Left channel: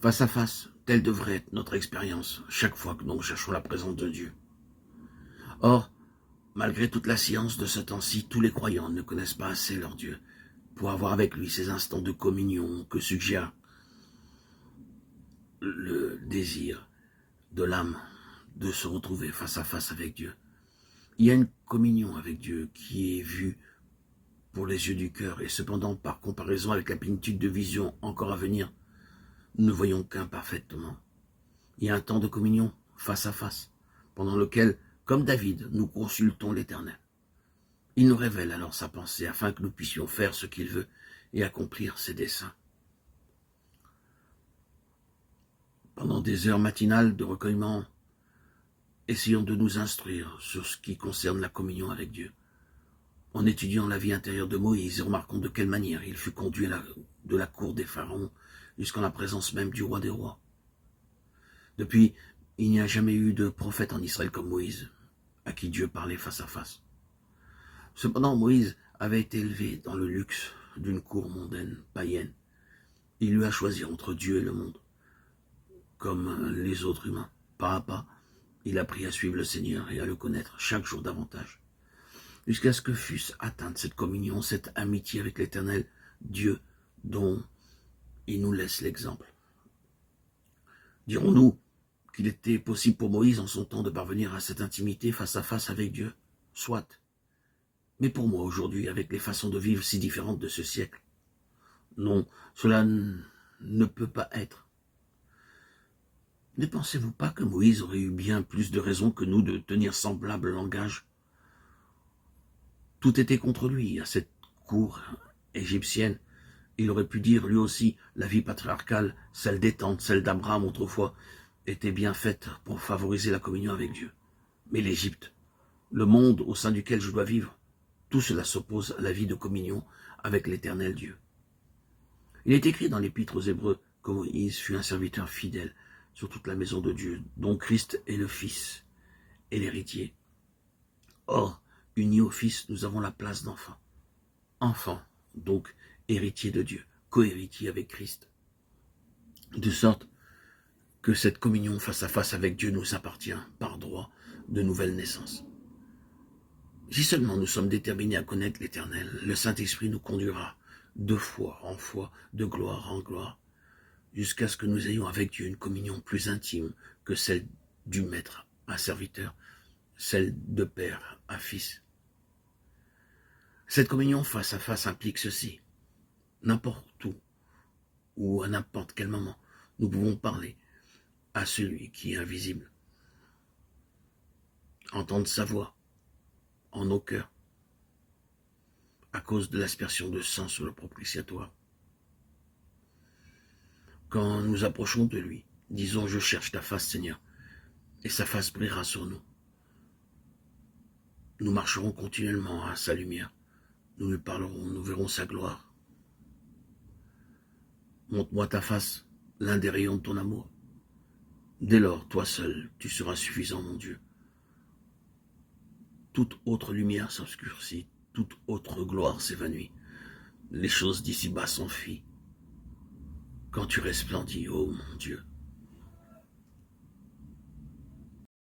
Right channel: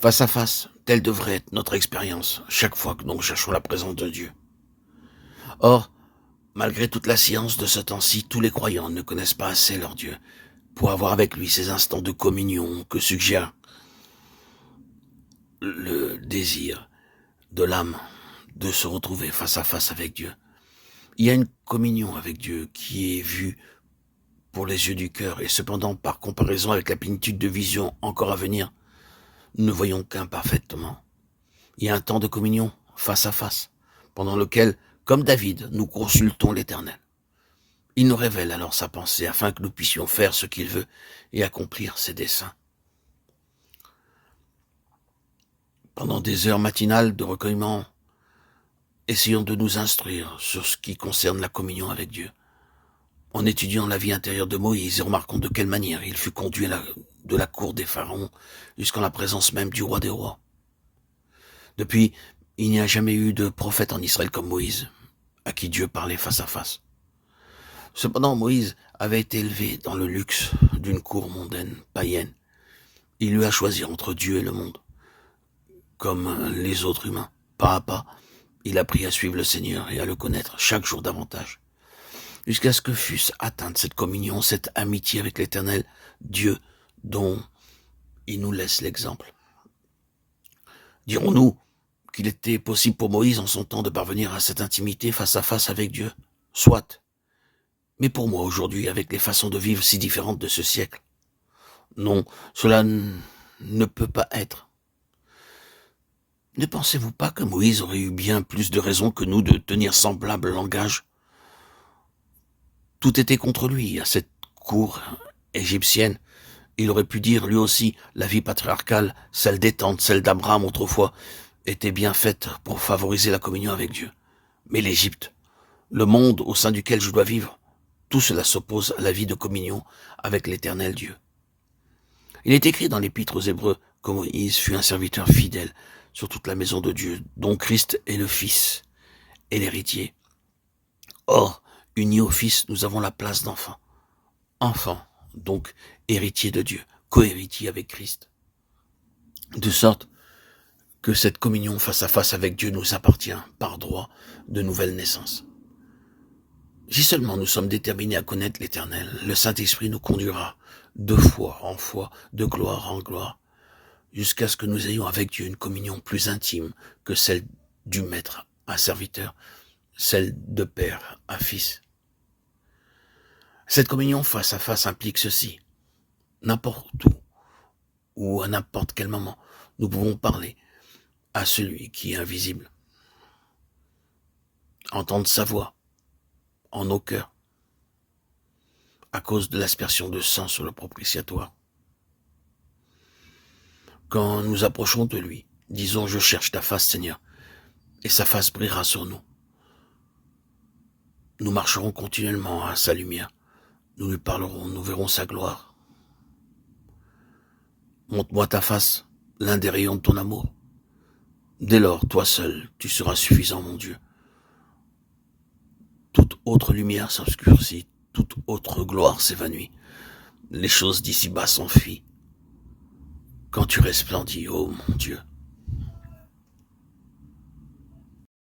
Face à face, telle devrait être notre expérience chaque fois que nous cherchons la présence de Dieu. Or, malgré toute la science de ce temps-ci, tous les croyants ne connaissent pas assez leur Dieu pour avoir avec lui ces instants de communion que suggère le désir de l'âme de se retrouver face à face avec Dieu. Il y a une communion avec Dieu qui est vue pour les yeux du cœur, et cependant, par comparaison avec la plénitude de vision encore à venir, nous ne voyons qu'imparfaitement. Il y a un temps de communion face à face, pendant lequel, comme David, nous consultons l'Éternel. Il nous révèle alors sa pensée, afin que nous puissions faire ce qu'il veut et accomplir ses desseins. Pendant des heures matinales de recueillement, essayons de nous instruire sur ce qui concerne la communion avec Dieu, en étudiant la vie intérieure de Moïse et remarquons de quelle manière il fut conduit de la cour des pharaons jusqu'en la présence même du roi des rois. Depuis, il n'y a jamais eu de prophète en Israël comme Moïse, à qui Dieu parlait face à face. Cependant, Moïse avait été élevé dans le luxe d'une cour mondaine, païenne. Il lui a choisi entre Dieu et le monde, comme les autres humains. Pas à pas, il a appris à suivre le Seigneur et à le connaître chaque jour davantage, jusqu'à ce que fût atteinte cette communion, cette amitié avec l'Éternel, Dieu, dont il nous laisse l'exemple. Dirons-nous qu'il était possible pour Moïse en son temps de parvenir à cette intimité face à face avec Dieu? Soit. Mais pour moi aujourd'hui, avec les façons de vivre si différentes de ce siècle, non, cela ne peut pas être. Ne pensez-vous pas que Moïse aurait eu bien plus de raisons que nous de tenir semblable langage? Tout était contre lui à cette cour égyptienne. Il aurait pu dire lui aussi, la vie patriarcale, celle des tantes, celle d'Abraham autrefois, était bien faite pour favoriser la communion avec Dieu. Mais l'Égypte, le monde au sein duquel je dois vivre, tout cela s'oppose à la vie de communion avec l'Éternel Dieu. Il est écrit dans l'Épître aux Hébreux que Moïse fut un serviteur fidèle sur toute la maison de Dieu, dont Christ est le Fils et l'héritier. Or, unis au Fils, nous avons la place d'enfant. Enfant, donc héritier de Dieu, co-héritier avec Christ. De sorte que cette communion face à face avec Dieu nous appartient par droit de nouvelle naissance. Si seulement nous sommes déterminés à connaître l'Éternel, le Saint-Esprit nous conduira de foi en foi, de gloire en gloire, jusqu'à ce que nous ayons avec Dieu une communion plus intime que celle du maître à serviteur, celle de père à fils. Cette communion face à face implique ceci. N'importe où, ou à n'importe quel moment, nous pouvons parler à celui qui est invisible, entendre sa voix en nos cœurs, à cause de l'aspersion de sang sur le propitiatoire. Quand nous approchons de lui, disons « Je cherche ta face, Seigneur », et sa face brillera sur nous. Nous marcherons continuellement à sa lumière, nous lui parlerons, nous verrons sa gloire. Montre-moi ta face, l'un des rayons de ton amour. Dès lors, toi seul, tu seras suffisant, mon Dieu. Toute autre lumière s'obscurcit, toute autre gloire s'évanouit. Les choses d'ici-bas s'enfuient. Quand tu resplendis, ô mon Dieu,